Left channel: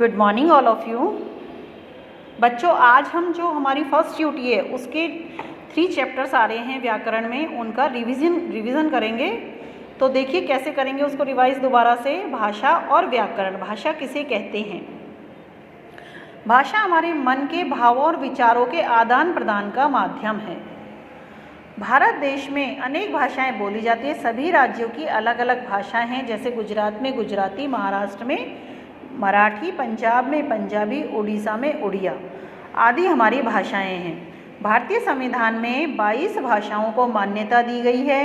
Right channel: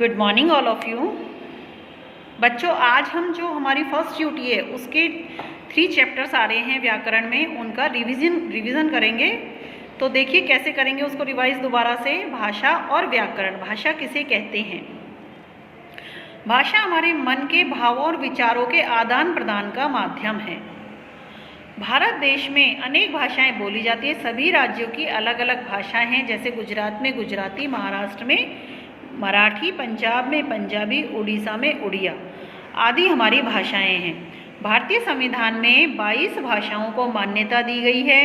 Good morning all of you. बच्चों, आज हम जो हमारी फर्स्ट ड्यूटी है उसके 3 चैप्टर्स आ रहे हैं व्याकरण में, उनका रिवीजन करेंगे। तो देखिए कैसे करेंगे उसको रिवाइज दोबारा से। भाषा और व्याकरण। भाषा किसे कहते हैं? भाषा हमारे मन के भावों और विचारों के आदान प्रदान का माध्यम है। भारत देश में अनेक भाषाएं बोली जाती है। सभी राज्यों की अलग अलग भाषाएं हैं, जैसे गुजरात में गुजराती, महाराष्ट्र में मराठी, पंजाब में पंजाबी, उड़ीसा में उड़िया आदि हमारी भाषाएं हैं। भारतीय संविधान में 22 भाषाओं को मान्यता दी गई है।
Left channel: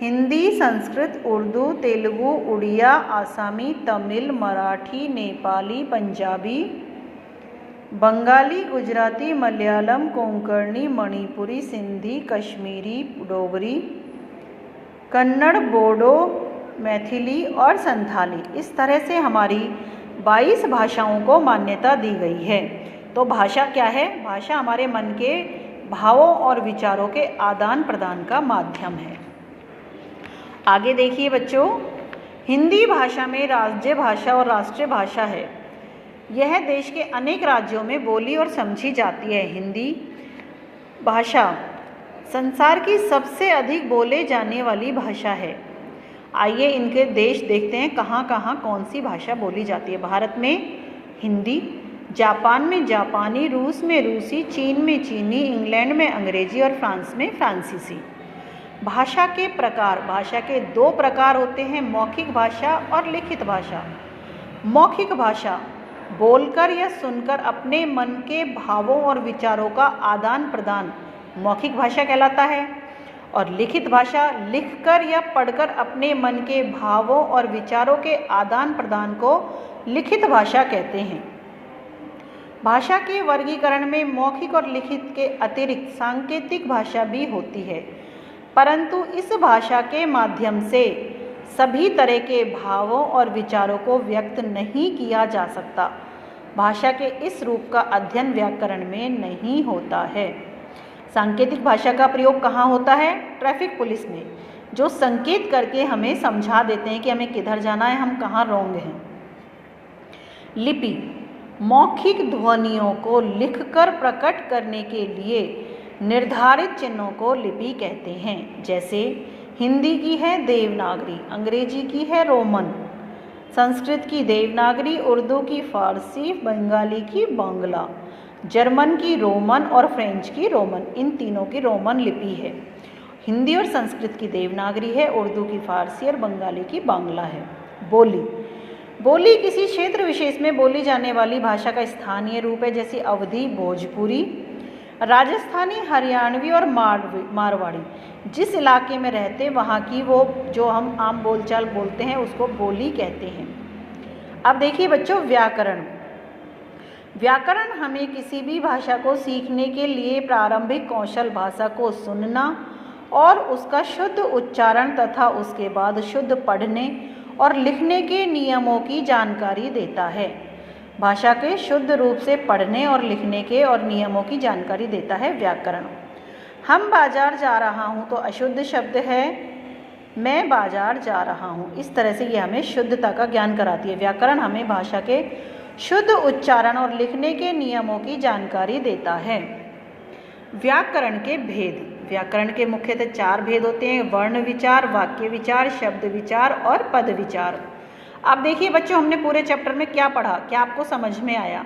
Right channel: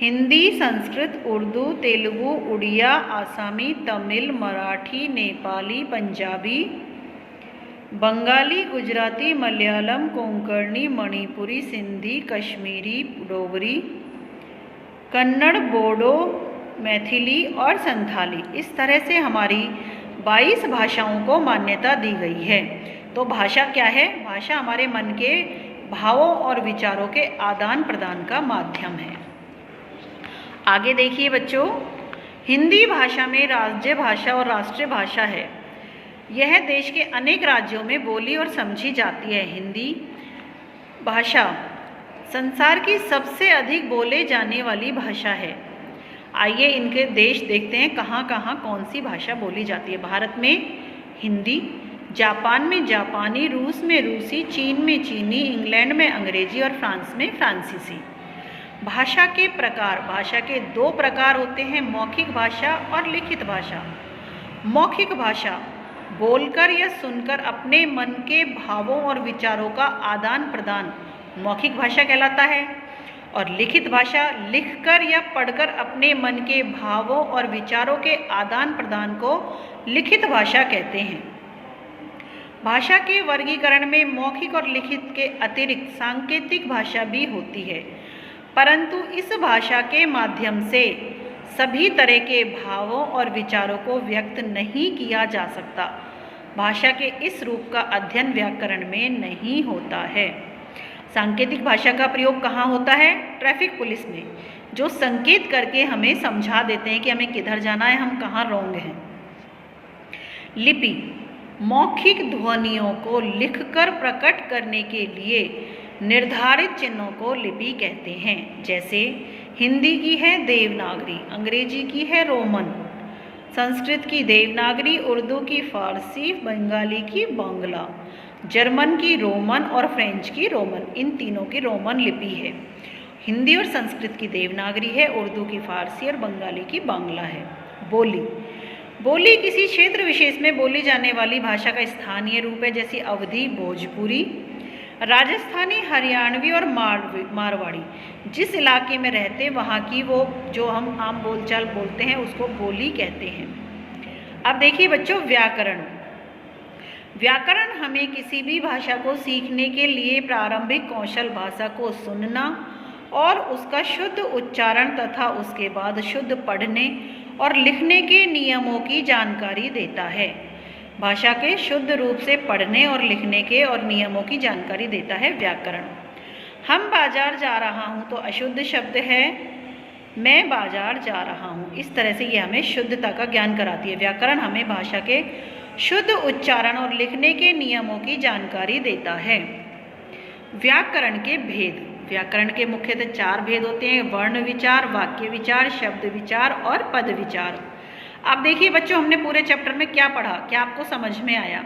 हिंदी, संस्कृत, उर्दू, तेलुगु, उड़िया, आसामी, तमिल, मराठी, नेपाली, पंजाबी, बंगाली, गुजराती, मलयालम, कोंकणी, मणिपुरी, सिंधी, कश्मीरी, डोगरी, कन्नड़, बोडो, मैथिली और संथाली, इस तरह से हमारी 22 भाषाओं को मान्यता दी गई है। तो भाषा क्या है? भाषा हमारे मन के भावों और विचारों के आदान प्रदान का माध्यम है। आगे देखिए बच्चों, हिंदी भाषा में राज्य भाषा और राष्ट्रीय भाषा है। यह देश के अनेक राज्यों में बोली और समझी जाती है। हिंदी भाषा संसार की सबसे अधिक बोले जाने वाली भाषा है। आइए इनके देश देखते हैं कहाँ कहाँ कौन सी भाषा बोली जाती है। भारत में हिंदी, जापान में जापानी, रूस में रूसी, चीन में चीनी, इंग्लैंड में अंग्रेजी और फ्रांस में फ्रांसीसी। भाषा के प्रकार। भाषा के 2 प्रकार होते हैं, मौखिक भाषा और लिखित भाषा। मौखिक भाषा बोलकर या सुनकर अपने मन के भावों और विचारों का आदान प्रदान मौखिक भाषा कहलाता है। और लिखित भाषा लिखकर या पढ़कर अपने मन के भावों और विचारों के आदान प्रदान को लिखित भाषा कहते हैं। भाषा के वर्गीकरण में मौखिक और लिखित के अतिरिक्त सांकेतिक भाषा भी होती है, परंतु इस भाषा के माध्यम से सभी तरह के भावों और विचारों को व्यक्त नहीं किया जा सकता। भाषा के इस रूप का अध्ययन व्याकरण में नहीं होता है। सांकेतिक भाषा का प्रयोग कहाँ होता है? ट्रैफिक पुलिस में, जो संकेत करके हमें समझा देते हैं कि हमें किधर जाना है, हम कहाँ रोंग हैं। लिपि मौखिक ध्वनियों को लिखकर प्रकट करने के लिए निर्धारित चिन्हों को लिपि कहते हैं। जैसे हिंदी की है देवनागरी, अंग्रेजी की है रोमन, संस्कृत की देवनागरी, उर्दू की फारसी, बंगाली की बांग्ला, जर्मन की रोमन और फ्रेंच की रोमन। इन तीनों की रोमन लिपि है। हिंदी और संस्कृत की देवनागरी है, उर्दू की फारसी और बंगाली की बांग्ला है। बोली बोली किसी क्षेत्र विशेष में बोली जाने वाली भाषा का स्थानीय रूप है, जैसे अवधी, भोजपुरी, राजस्थानी, हरियाणवी और मारवाड़ी। जिस इलाके में रहते वहाँ की वो जो हम आम बोलचाल बोलते हैं उसको बोली कहते हैं। अब देखिए बच्चों, व्याकरण। व्याकरण हमें किसी भी भाषा को सीखने के लिए प्रारंभिक कौशल भाषा को सुनना और उसका शुद्ध उच्चारण तथा उसके बाद शुद्ध पढ़ने और लिखने के नियमों की जानकारी देता है। भाषा के शुद्ध रूप से पढ़ने और लिखने के और नियमों की जानकारी देता है व्याकरण। हम बाजार जा रहा हूँ तो अशुद्ध शब्द है मैं बाजार जा रहा हूँ। इस तरह से ये हमें शुद्धता का ज्ञान कराती है। व्याकरण हमें भाषा के शुद्ध उच्चारण और लिखने के नियमों की जानकारी देता है। व्याकरण के भेद। व्याकरण के मुख्यतः 4 भेद होते हैं, वर्ण विचार, वाक्य विचार, शब्द विचार और पद विचार। अब देखिए बच्चों, हमने पूरे चैप्टर में क्या पढ़ा, क्या आपको समझ में आया?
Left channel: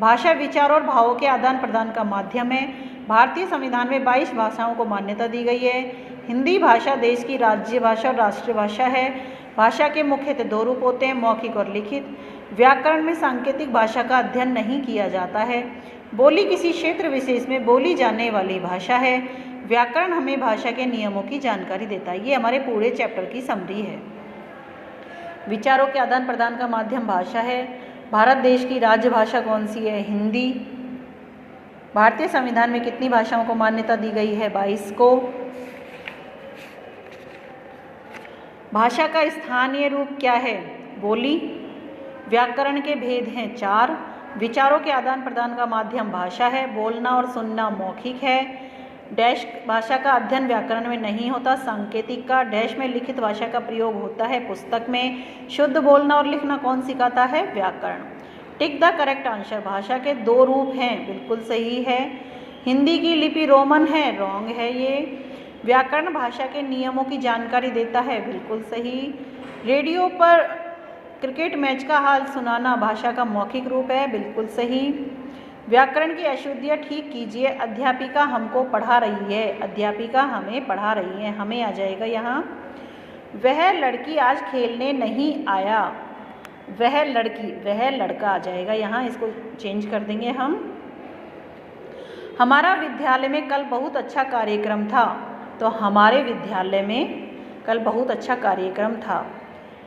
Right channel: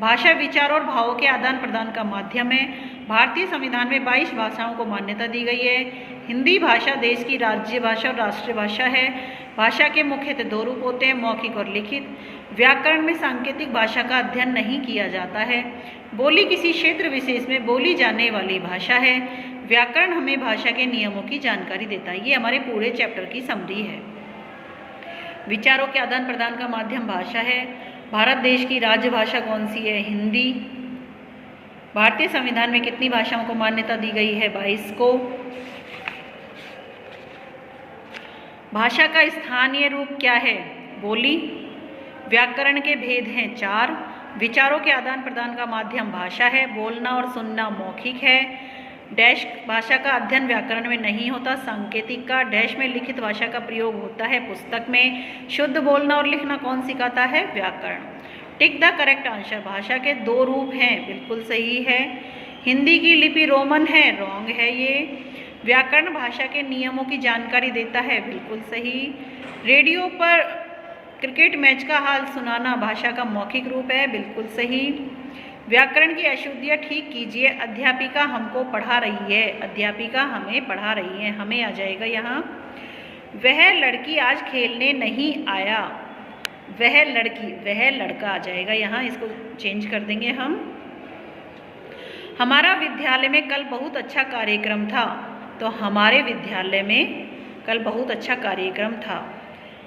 भाषा विचार और भावों के आदान प्रदान का माध्यम है। भारतीय संविधान में 22 भाषाओं को मान्यता दी गई है। हिंदी भाषा देश की राज्य भाषा और राष्ट्रीय भाषा है। भाषा के मुख्यतः 2 रूप होते हैं, मौखिक और लिखित। व्याकरण में सांकेतिक भाषा का अध्ययन नहीं किया जाता है। बोली किसी क्षेत्र विशेष में बोली जाने वाली भाषा है। व्याकरण हमें भाषा के नियमों की जानकारी देता है। ये हमारे पूरे चैप्टर की समरी है। विचारों के आदान प्रदान का माध्यम भाषा है। भारत देश की राज्य भाषा कौन सी है? हिंदी। भारतीय संविधान में कितनी भाषाओं को मान्यता दी गई है? 22 को। भाषा का स्थानीय रूप क्या है? बोली। व्याकरण के भेद हैं 4। विचारों के आदान प्रदान का माध्यम भाषा है। बोलना और सुनना मौखिक है। डैश भाषा का अध्ययन व्याकरण में नहीं होता, सांकेतिक का। डैश में लिखित भाषा का प्रयोग होता है पुस्तक में। शुद्ध बोलना और लिखना कौन सिखाता है? व्याकरण। टिक द करेक्ट आंसर, भाषा के 2 रूप हैं, बिल्कुल सही है। हिंदी की लिपि रोमन है, रॉन्ग है ये। व्याकरण भाषा के नियमों की जानकारी देता है, बिल्कुल सही। रेडियो पर क्रिकेट मैच का हाल सुनाना भाषा का मौखिक रूप है, बिल्कुल सही। व्याकरण की अशुद्धियाँ ठीक कीजिए, अध्यापिका हमको पढ़ा रही है, अध्यापिका हमें पढ़ा रही है, हमें आ जाएगा यहाँ। वह लड़की आज खेलने नहीं आया, वह लड़की, वह लड़का आ जाएगा यहाँ, इसको चेंज कर देंगे हम। हमारा विद्यालय में कल बहुत अच्छा कार्यक्रम था, तो हमारे विद्यालय में कल बहुत अच्छा कार्यक्रम था।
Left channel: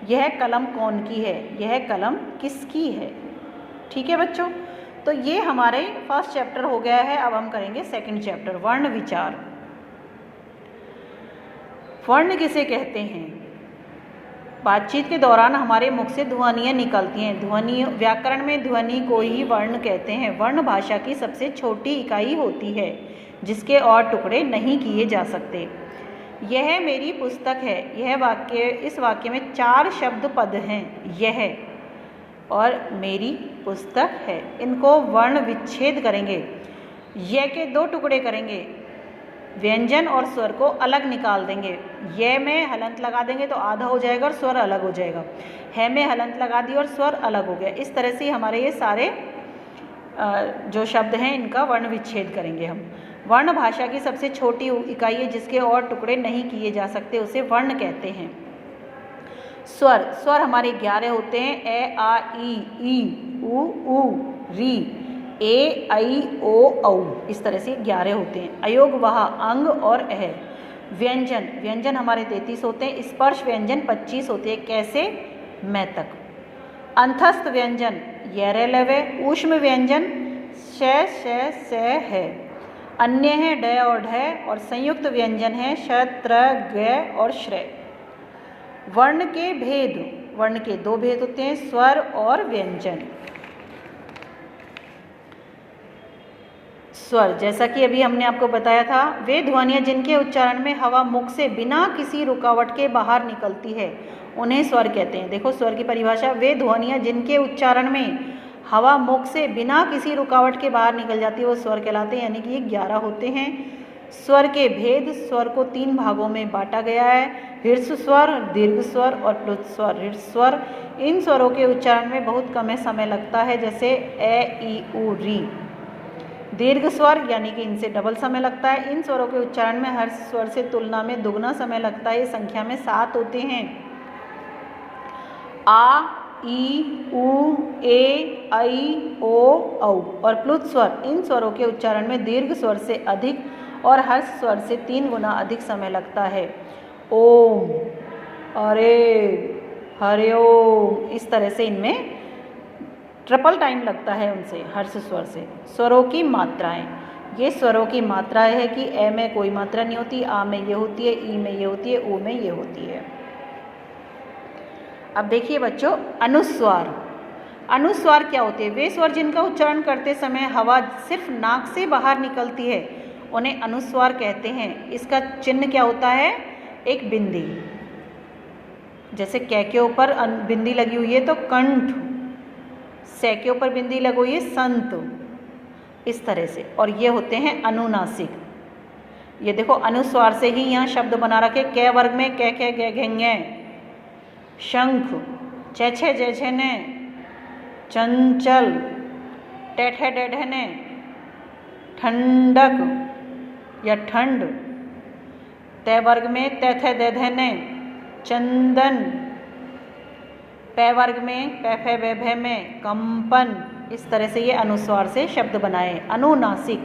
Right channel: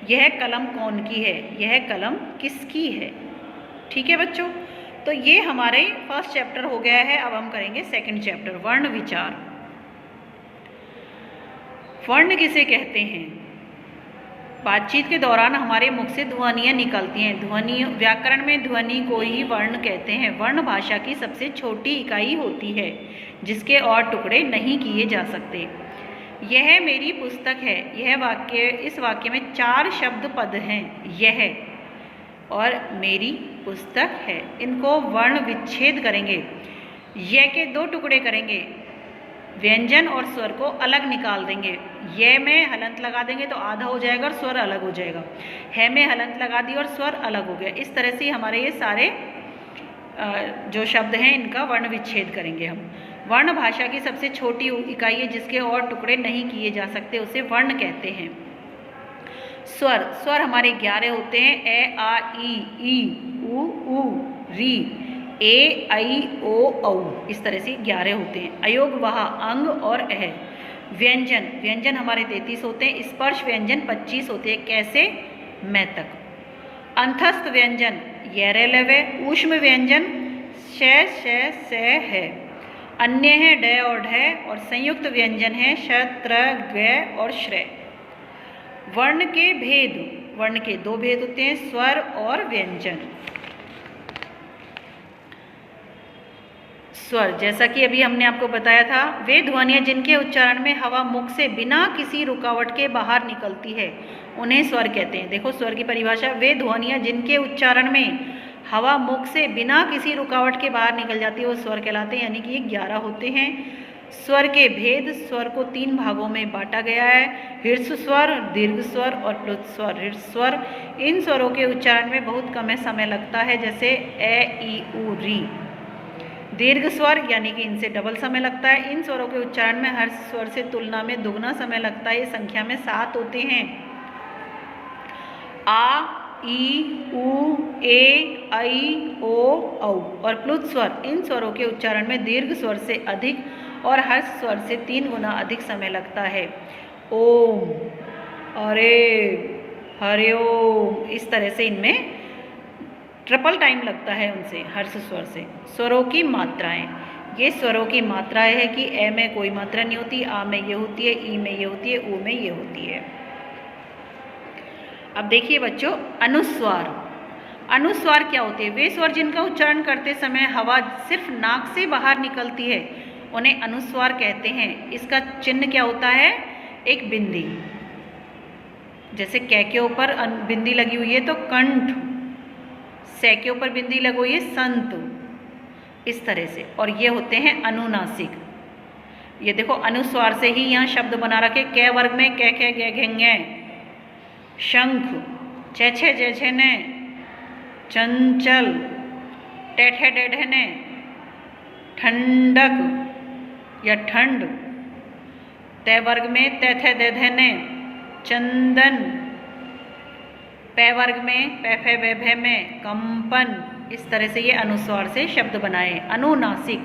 यह कलम कौन की है, यह कलम किसकी है। ठीक है बच्चों, तो ये हमारे फर्स्ट चैप्टर हो गया है। अब हम करेंगे सेकंड चैप्टर, वर्ण विचार। वर्ण किसे कहते हैं? बातचीत के दौरान हमारे मुख से ध्वनियाँ निकलती हैं, ध्वनि, व्याकरण में ध्वनि को ही वर्ण कहते हैं। वर्ण भाषा की सबसे छोटी इकाई होती है जिसके और टुकड़े नहीं किए जा सकते। यह मेरी पुस्तक है, यह वाक्य, इस वाक्य में 4 शब्द पद हैं, यह और मेरी पुस्तक है। इनको वर्ण विच्छेद करेंगे, यह के 2 टुकड़े करेंगे, व्यंजन और स्वर को अलग निकाल देंगे। ये में हलंत लगा देंगे तो आधा हो जाएगा और स्वर अलग हो जाएगा। है में हलंत लगा दी और स्वर अलग हो गया। इस तरह से हमारे ये सारे जो शब्द हैं इनका वर्ण विच्छेद करेंगे हम। वर्ण भाषा की सबसे छोटी इकाई है जिसके और टुकड़े नहीं किए जा सकते, उसे वर्ण कहते हैं। स्वर, स्वर हमारे 11 होते हैं, ए आ ई उ री, ए आई ओ औ, इस तरह से 11 होते हैं। अयोग, वह, अंग और अह। व्यंजन, व्यंजन हमारे 33 होते हैं। स्पर्श व्यंजन 25 होते हैं, कैसे, मैं तक। अंतस्थ व्यंजन येरे लवे। ऊष्म व्यंजन श है। अन्य है ड और ढ, और संयुक्त व्यंजन है श त्र ग और श्र। वर्ण के भेद, वर्ण के 2 भेद होते हैं, स्वर और व्यंजन। स्वर, जैसा कि अभी हमने आपको बताया था, वे ध्वनियाँ जिनके उच्चारण में हवा मुख से बिना किसी रुकावट के बाहर निकलती है उन्हें स्वर कहते हैं। देखो स्वर की परिभाषा, वे ध्वनियाँ जिनके उच्चारण में हवा मुख से बिना किसी रुकावट के बाहर निकल जाती है वो स्वर कहलाते हैं, यानी कि ये 11 होते हैं। स्वर के भेद, स्वर को 3 भागों में बांटा गया है, ह्रस्व स्वर, दीर्घ स्वर और प्लुत स्वर। ह्रस्व स्वर, इन स्वरों के उच्चारण में बहुत कम समय लगता है, जैसे ए ई उ री। दीर्घ स्वर यानी कि इनसे डबल समय लगता है। इन स्वरों के उच्चारण में हर स्वर से तुलना में दुगना समय लगता है। ये संख्या में 7 होते हैं, आ, ई, उ, ए, ऐ, ओ, औ। और प्लुत स्वर, इन स्वरों के उच्चारण में दीर्घ स्वर से अधिक और हर्ष स्वर से 3 गुना अधिक समय लगता है। ओम, अरे, हरिओम, इस तरह से इनमें ट्रिपल टाइम लगता है उनसे, हर्ष स्वर से। स्वरों की मात्राएं, ये स्वरों की मात्राएं है कि ए में कोई मात्रा नहीं होती, आ में ये होती है, ई में ये होती है, ऊ में ये होती है। अब देखिए बच्चों, अनुस्वार। अनुस्वार क्या होते हैं? वे स्वर जिनका उच्चारण करते समय हवा सिर्फ नाक से बाहर निकलती है उन्हें अनुस्वार कहते हैं। इसका चिन्ह क्या होता है? एक बिंदी, जैसे कै के ऊपर बिंदी लगी हुई है तो कंठ, से के ऊपर बिंदी लगी हुई है संत, इस तरह से। और ये होते हैं अनुनासिक। ये देखो अनुस्वार से ही यहाँ शब्द बना रखे। कै वर्ग में कै खे गे घेंगे, शंख, छे छे जे छे ने, चंचल, टेठे डेढ़े ने, ठंडक या ठंड। तय वर्ग में तै थे दे धे ने, चंदन। पै वर्ग में पै फे वे भे में, कंपन। इस तरह से ये अनुस्वार से शब्द बनाए। अनुनासिक,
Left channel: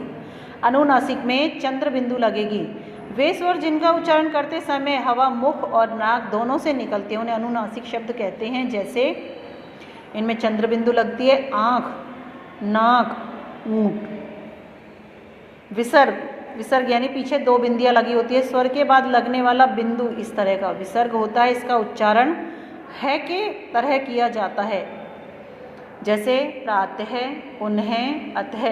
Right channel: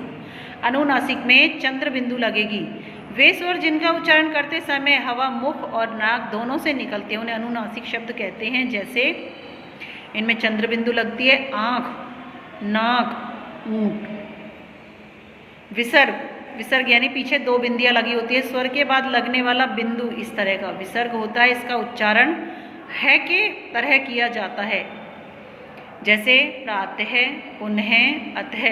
अनुनासिक में चंद्र बिंदु लगेगी। वे स्वर जिनका उच्चारण करते समय हवा मुख और नाक दोनों से निकलती है उन्हें अनुनासिक शब्द कहते हैं। जैसे इनमें चंद्र बिंदु लगती है, आँख, नाक, ऊँट। विसर्ग, विसर्ग यानी पीछे 2 बिंदियाँ लगी होती है। स्वर के बाद लगने वाला बिंदु इस तरह का विसर्ग होता है। इसका उच्चारण है के तरह किया जाता है, जैसे प्रातः, पुनः, अतः।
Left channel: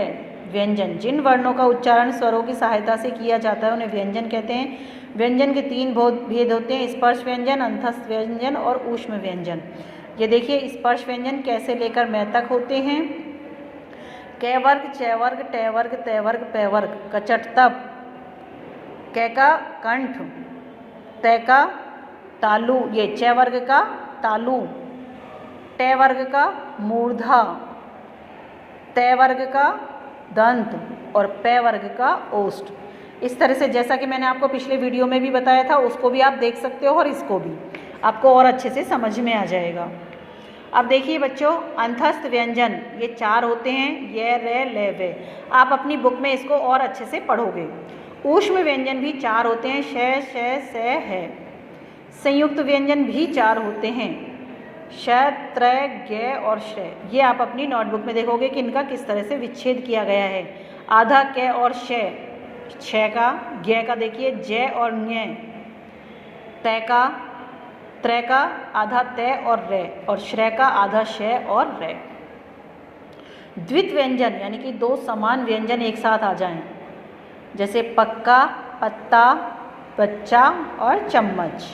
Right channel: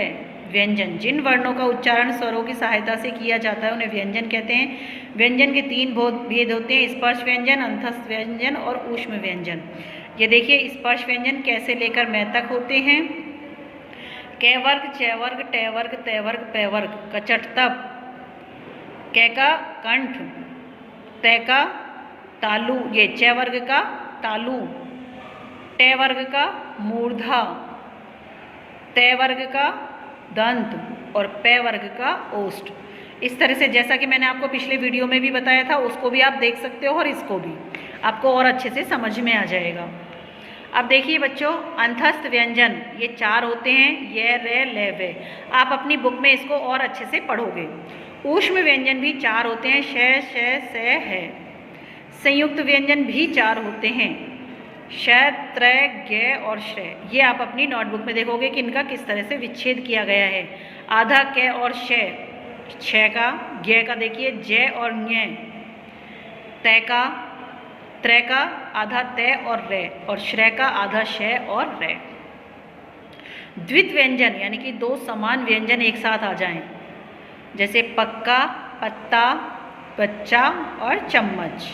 व्यंजन, जिन वर्णों का उच्चारण स्वरों की सहायता से किया जाता है उन्हें व्यंजन कहते हैं। व्यंजन के 3 भेद होते हैं, स्पर्श व्यंजन, अंतस्थ व्यंजन और ऊष्म व्यंजन। ये देखिए स्पर्श व्यंजन कैसे लेकर मैं तक होते हैं। कै वर्ग, च वर्ग, टे वर्ग, ते वर्ग, पै वर्ग, कचट तप, कै का कंठ, तै का तालु, ये च वर्ग का तालु, टे वर्ग का मूर्धा, ते वर्ग का दंत और पै वर्ग का ओष्ठ। इस तरह से जैसा कि मैंने आपको पिछले वीडियो में भी बताया था, उसको भी आप देख सकते हो और इसको भी, आपको और अच्छे से समझ में आ जाएगा। अब देखिए बच्चों, अंतस्थ व्यंजन ये 4 होते हैं, ये, रे, ले, वे। आप अपनी बुक में इसको और अच्छे से पढ़ोगे। ऊष्म व्यंजन भी 4 होते हैं, श, श, से, है। संयुक्त व्यंजन भी 4 होते हैं, श, त्रय, ज्ञ और श्रय। ये आप अपनी नोटबुक में देखोगे कि इनका किस तरह से विच्छेद किया गया है। आधा क और श, छ का, ज्ञ का देखिए ज और ञ, तय का, त्रय का आधा तय और रे, और श्रय का आधा श और रे। द्वित व्यंजन यानी कि 2 समान व्यंजन एक साथ आ जाएं, जैसे पक्का, पत्ता, बच्चा और चम्मच।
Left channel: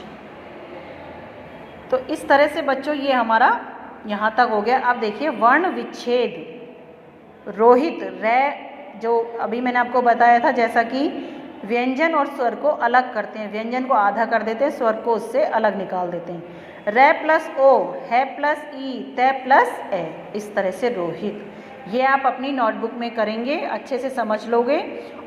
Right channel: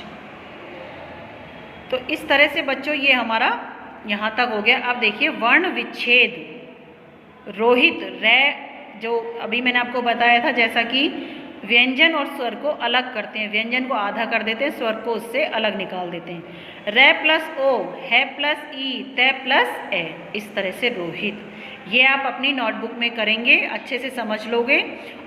तो इस तरह से बच्चों ये हमारा यहाँ तक हो गया। अब देखिए वर्ण विच्छेद, रोहित, रे, जो अभी मैंने आपको बताया था, जैसा कि व्यंजन और स्वर को अलग करते हैं, व्यंजन को आधा कर देते हैं, स्वर को उससे अलग निकाल देते हैं। रे प्लस ओ, है प्लस ई, तय प्लस ए, इस तरह से रोहित। ये आप अपनी नोटबुक में करेंगे, अच्छे से समझ लोगे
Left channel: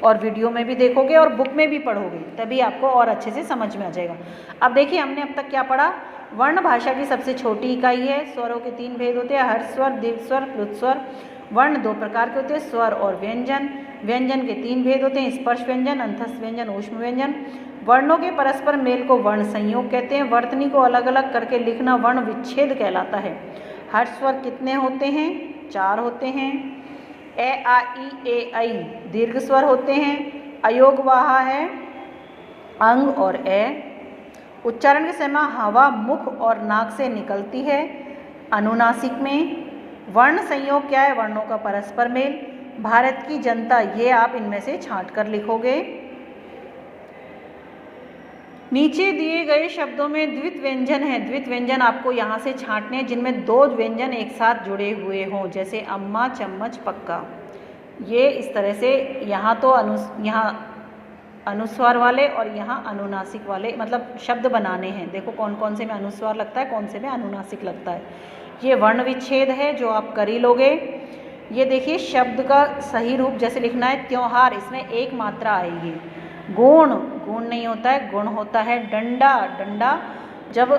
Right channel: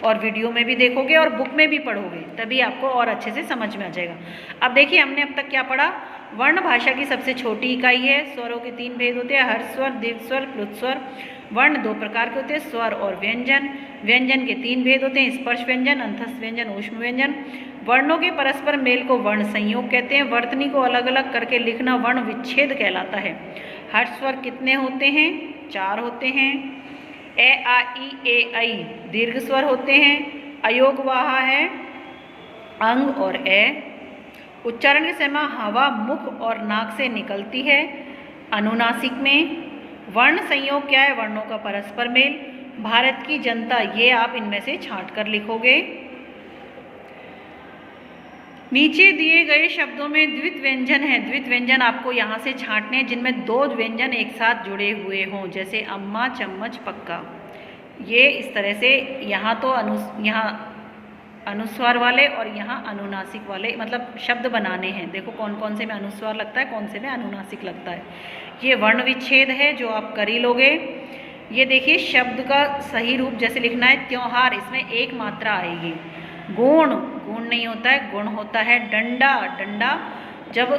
और वीडियो में भी देखोगे और बुक में भी पढ़ोगे, तभी आपको और अच्छे से समझ में आ जाएगा। अब देखिए हमने अब तक क्या पढ़ा। वर्ण भाषा की सबसे छोटी इकाई है। स्वरों के 3 भेद होते हैं, हर्ष स्वर, दीर्घ स्वर, प्लुत स्वर। वर्ण 2 प्रकार के होते हैं, स्वर और व्यंजन। व्यंजन के 3 भेद होते हैं, स्पर्श व्यंजन, अंतस्थ व्यंजन, ऊष्म व्यंजन। वर्णों के परस्पर मेल को वर्ण संयोग कहते हैं। वर्तनी को अलग अलग करके लिखना वर्ण विच्छेद कहलाता है। हर्ष स्वर कितने होते हैं? 4 होते हैं। ए, आ, ई, ए, ऐ दीर्घ स्वर होते हैं। अयोग वाहा है अंग और ए। उच्चारण के समय हवा मुख और नाक से निकलती है अनुनासिक में। वर्ण संयोग क्या है? वर्णों का परस्पर मेल। भारत की जनता, ये आप इनमें से छांट कर लिखोगे। नीचे दिए गए शब्दों में द्वित व्यंजन है। द्वित व्यंजन आपको यहाँ से छांटने हैं जिनमें 2 व्यंजन एक साथ जुड़े हुए हों, जैसे अम्मा, चम्मच, पक्का। ये इस तरह से यहाँ तो यहाँ अनुस्वार वाले और यहाँ अनुनासिक वाले, मतलब शब्द बनाने हैं। देखो कौन कौन से में अनुस्वार लगता है, कौन से में अनुनासिक लगता है। ये वर्ण विच्छेद है जो आप कर ही लोगे। ये देखिए शब्द का सही रूप जैसे लिखना है त्योहार, इसमें 1 मात्रा आएगी। गुण, गुण नहीं होता है, गुण होता है। डंडा, डंडा जब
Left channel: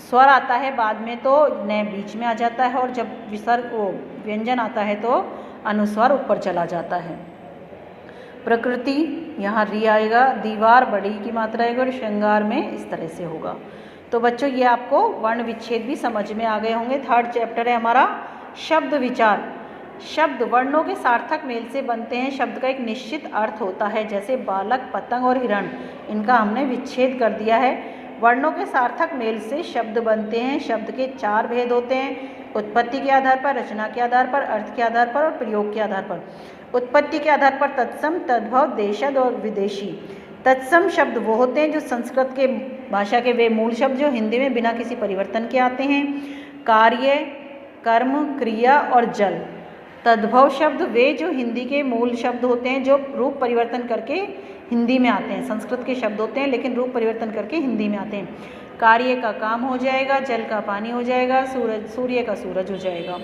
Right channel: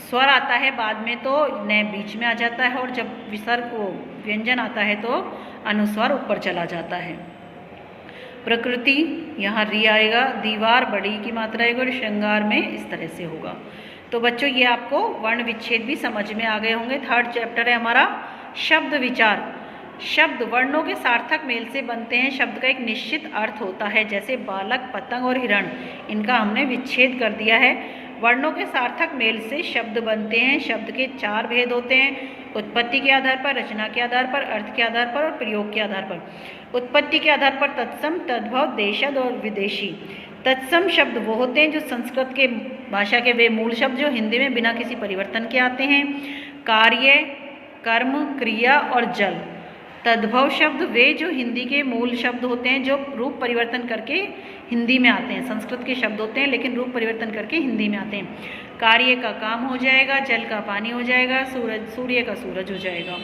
स्वर आता है बाद में तो न बीच में आ जाता है, और जब विसर्ग को व्यंजन आता है तो अनुस्वार ऊपर चला जाता है। प्रकृति, यहाँ री आएगा। दीवार, बड़ी की मात्रा आएगी, और श्रृंगार में इस तरह से होगा। तो बच्चों ये आपको वर्ण विच्छेद भी समझ में आ गए होंगे। 3rd चैप्टर है हमारा शब्द विचार। शब्द वर्णों के सार्थक मेल से बनते हैं। शब्द का एक निश्चित अर्थ होता है, जैसे बालक, पतंग और हिरण, इनका हमने विच्छेद कर दिया है। वर्णों के सार्थक मेल से शब्द बनते हैं। शब्द के 4 भेद होते हैं, उत्पत्ति के आधार पर, रचना के आधार पर, अर्थ के आधार पर और प्रयोग के आधार पर। उत्पत्ति के आधार पर तत्सम, तद्भव, देशज और विदेशी। तत्सम शब्द वो होते हैं जो संस्कृत के भाषा के वे मूल शब्द जो हिंदी में बिना किसी परिवर्तन के आते हैं। कार्य, कर्म, क्रिया और जल। तद्भव शब्द वे जो हिंदी के मूल शब्द होते हैं जो रूप परिवर्तन करके हिंदी में आते हैं। संस्कृत के शब्द होते हैं लेकिन रूप परिवर्तन करके हिंदी में आते हैं। कार्य का काम हो जाएगा, जल का पानी हो जाएगा, सूर्य का सूरज हो जाएगा।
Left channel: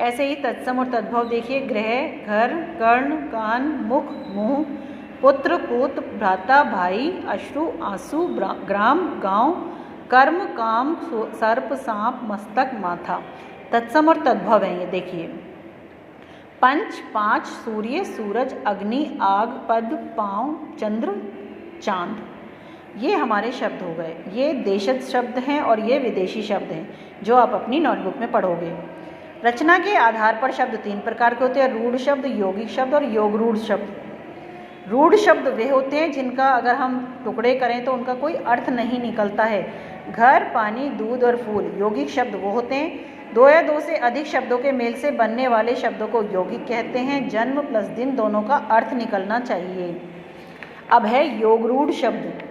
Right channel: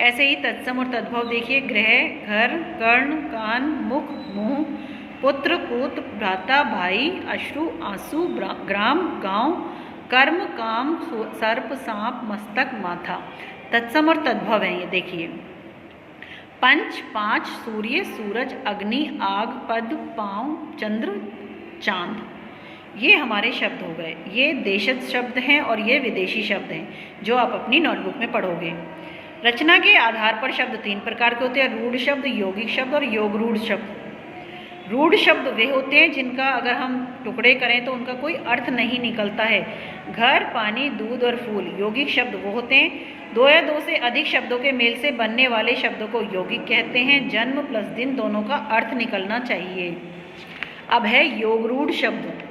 ऐसे ही तत्सम और तद्भव देखिए, गृह, घर, कर्ण, कान, मुख, मुंह, पुत्र, पूत, भ्राता, भाई, अश्रु, आंसू, ग्राम, गांव, कर्म, काम, सर्प, सांप, मस्तक, माथा। तत्सम और तद्भव है ये देखिए। पंच, 5, सूर्य, सूरज, अग्नि, आग, पद, पांव, चंद्र, चांद। ये हमारे शब्द हो गए। ये देशज शब्द हैं और ये विदेशी शब्द हैं जो आप अपनी नोटबुक में पढ़ोगे। रचना के आधार पर शब्द 3 प्रकार के होते हैं, रूढ़ शब्द, यौगिक शब्द और योग रूढ़ शब्द। रूढ़ शब्द वे होते हैं जिनका अगर हम टुकड़े करें तो उनका कोई अर्थ नहीं निकलता है। घर, पानी, दूध और फूल। यौगिक शब्द वो होते हैं 2 या 2 से अधिक शब्दों के मेल से बनने वाले शब्दों को यौगिक कहते हैं। जन्म प्लस दिन दोनों का अर्थ निकलना चाहिए। अब है योग रूढ़ शब्द।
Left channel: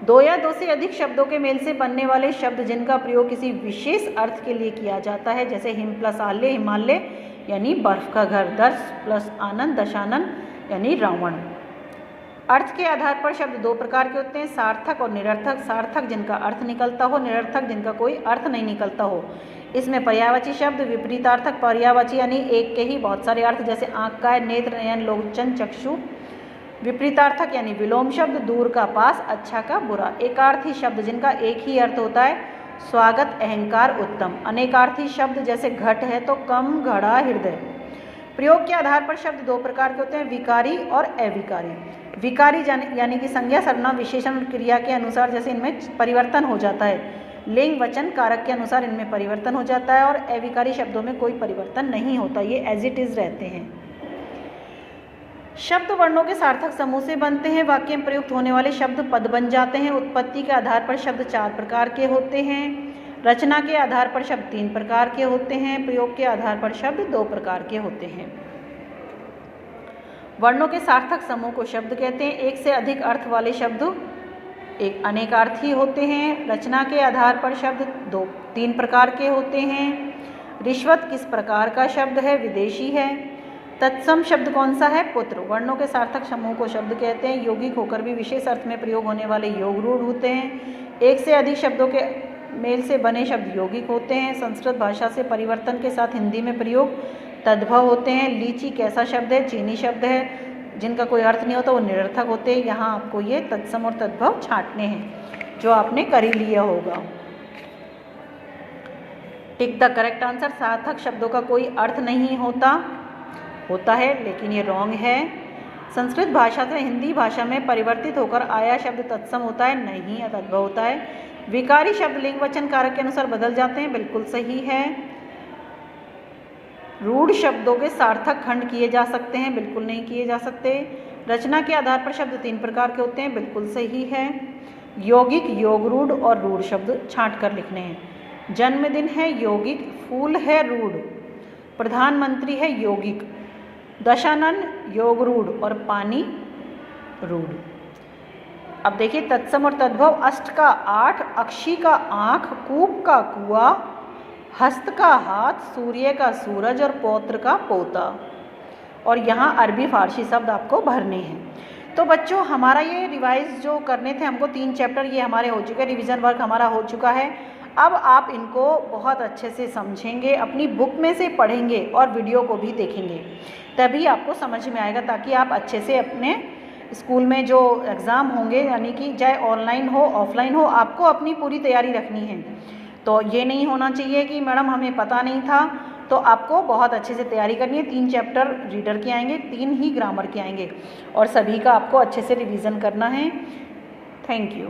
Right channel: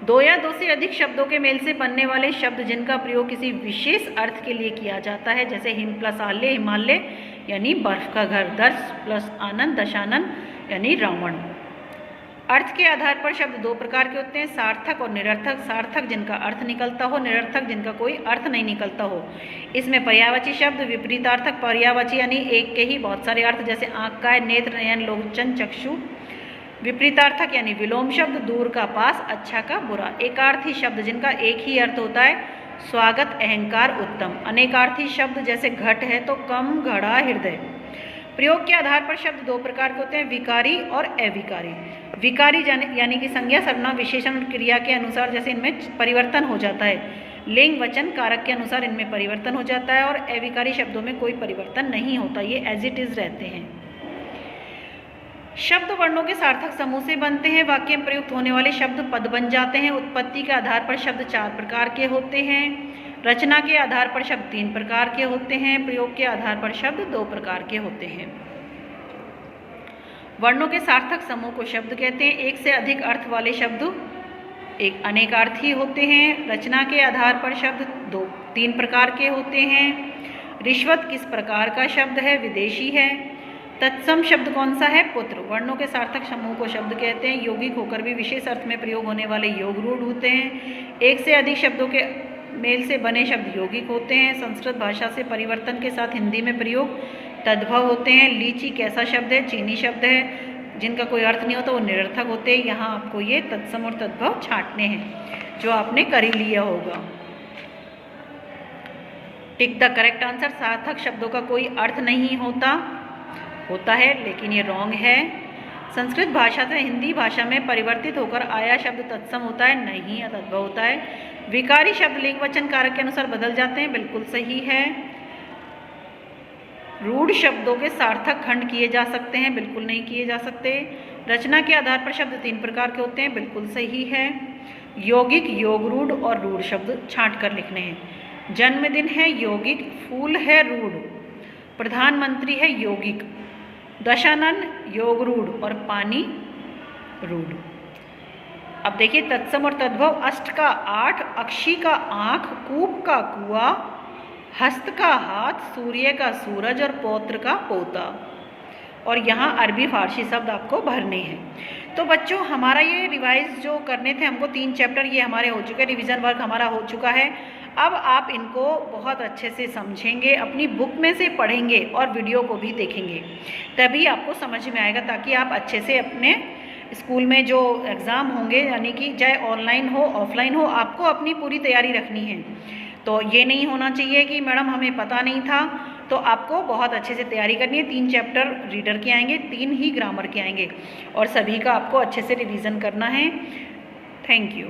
दो या दो से अधिक शब्दों के मेल से बनने वाले शब्द जिनका प्रयोग किसी विशेष अर्थ के लिए किया जाता है, जैसे हिम प्लस आल्य हिमालय यानी बर्फ का घर, दर्श प्लस आनंद दशानन यानी रावण। अर्थ के आधार पर शब्द दो प्रकार के होते हैं, सार्थक और निरर्थक। सार्थक जिनका अर्थ निकलता हो, निरर्थक जिनका कोई अर्थ नहीं निकलता हो। इसमें पर्यायवाची शब्द, विपरीतार्थक पर्यायवाची यानी एक के ही बहुत सारे अर्थ, जैसे आँख का है, नेत्र नयन लोचन चक्षु। विपरीतार्थक यानी विलोम शब्द, दूर का पास, अच्छा का बुरा। एकार्थी शब्द जिनका एक ही अर्थ होता है, स्वागत अहंकार उत्तम। अनेकार्थी शब्द जैसे घट है तो कम घड़ा हृदय। प्रयोग के आधार पर शब्द दो प्रकार के होते हैं, विकारी और अविकारी। विकारी यानी कि संज्ञा सर्वनाम विशेषण और क्रिया के अनुसार जैसे इनमें परिवर्तन हो जाता है, लिंग वचन कारक के अनुसार इनमें परिवर्तन हो जाता है। और अविकारी शब्दों में कोई परिवर्तन नहीं होता, ये एज इट इज रहते हैं। शब्द वर्णों के सार्थक समूह से बनते हैं। वाक्य में प्रयुक्त होने वाले शब्द पद बन जाते हैं। उत्पत्ति के आधार पर शब्द चार प्रकार के होते हैं। रचना के आधार पर शब्द तीन प्रकार के होते हैं। प्रयोग के आधार पर शब्द दो प्रकार के होते हैं। वर्णों के सार्थक समूह को शब्द कहते हैं। एक से अधिक अर्थ वाले शब्द एक अनेकार्थी होते हैं। रचना के आधार पर शब्द तीन प्रकार के होते हैं। रिश्वत किस प्रकार का शब्द है, विदेशी है। तत्सम शब्द कौन सा है, पुत्र। वर्णों के सार्थक समूह को शब्द कहते हैं। यौगिक होकर भी विशेष अर्थ में प्रयोग होने वाले योग रूढ़ होते हैं। एक से अधिक शब्दों के मेल से बने शब्द यौगिक होते हैं। संस्कृत भाषा से परिवर्तन के साथ हिंदी में प्रयोग तद्भव होते हैं। लीची कैसा शब्द है, चीनी शब्द है। जिनका कोई अर्थ नहीं होता वो निरर्थक होते हैं। यहाँ आपको ये तत्सम और तद्भव छांटने हैं, जो आपने कर ही लिया होगा। Tick the correct answer. सार्थक शब्दों का कोई अर्थ नहीं होता है, लेकिन ये रॉन्ग है। संस्कृत भाषा से हिंदी भाषा में परिवर्तित होकर आया शब्द तत्सम होता है, नहीं तद्भव होता है। विकारी शब्द लिंग वचन कारक के अनुसार बदल जाते हैं, बिल्कुल सही है। रूढ़ शब्दों के सार्थक खंड किए जा सकते हैं, बिल्कुल नहीं किए जा सकते। रचना के आधार पर शब्द तीन प्रकार के होते हैं, बिल्कुल सही है। यौगिक, योग रूढ़ और रूढ़ शब्द छांट कर लिखने हैं। जन्मदिन है यौगिक, फूल है रूढ़, प्रधानमंत्री है यौगिक, दशानन योग रूढ़ और पानी रूढ़। अब देखिए तत्सम और तद्भव। अष्ट का आठ, अक्षी का आँख, कूप का कुआ, हस्त का हाथ, सूर्य का सूरज और पौत्र का पोता। और यहाँ अरबी फारसी शब्द आपको भरने हैं। तो बच्चों हमारा ये रिवाइज जो करने थे हमको 3 चैप्टर ये हमारे हो चुके हैं, रिवीजन वर्क हमारा हो चुका है। अब आप इनको बहुत अच्छे से समझेंगे, अपनी बुक में से पढ़ेंगे और वीडियो को भी देखेंगे, तभी आपको समझ में आएगा, ताकि आप अच्छे से अपने स्कूल में जो एग्ज़ाम होंगे, यानी कि चाहे ऑनलाइन हो ऑफलाइन हो, आपको अपनी पूरी तैयारी रखनी है। तो ये नहीं होना चाहिए कि मैडम हमें पता नहीं था। तो आपको बहुत अच्छे से तैयारी करनी है। 3 चैप्टर रीडर के आएंगे, 3 ही ग्रामर के आएंगे और सभी का आपको अच्छे से रिवीजन करना है। Thank you.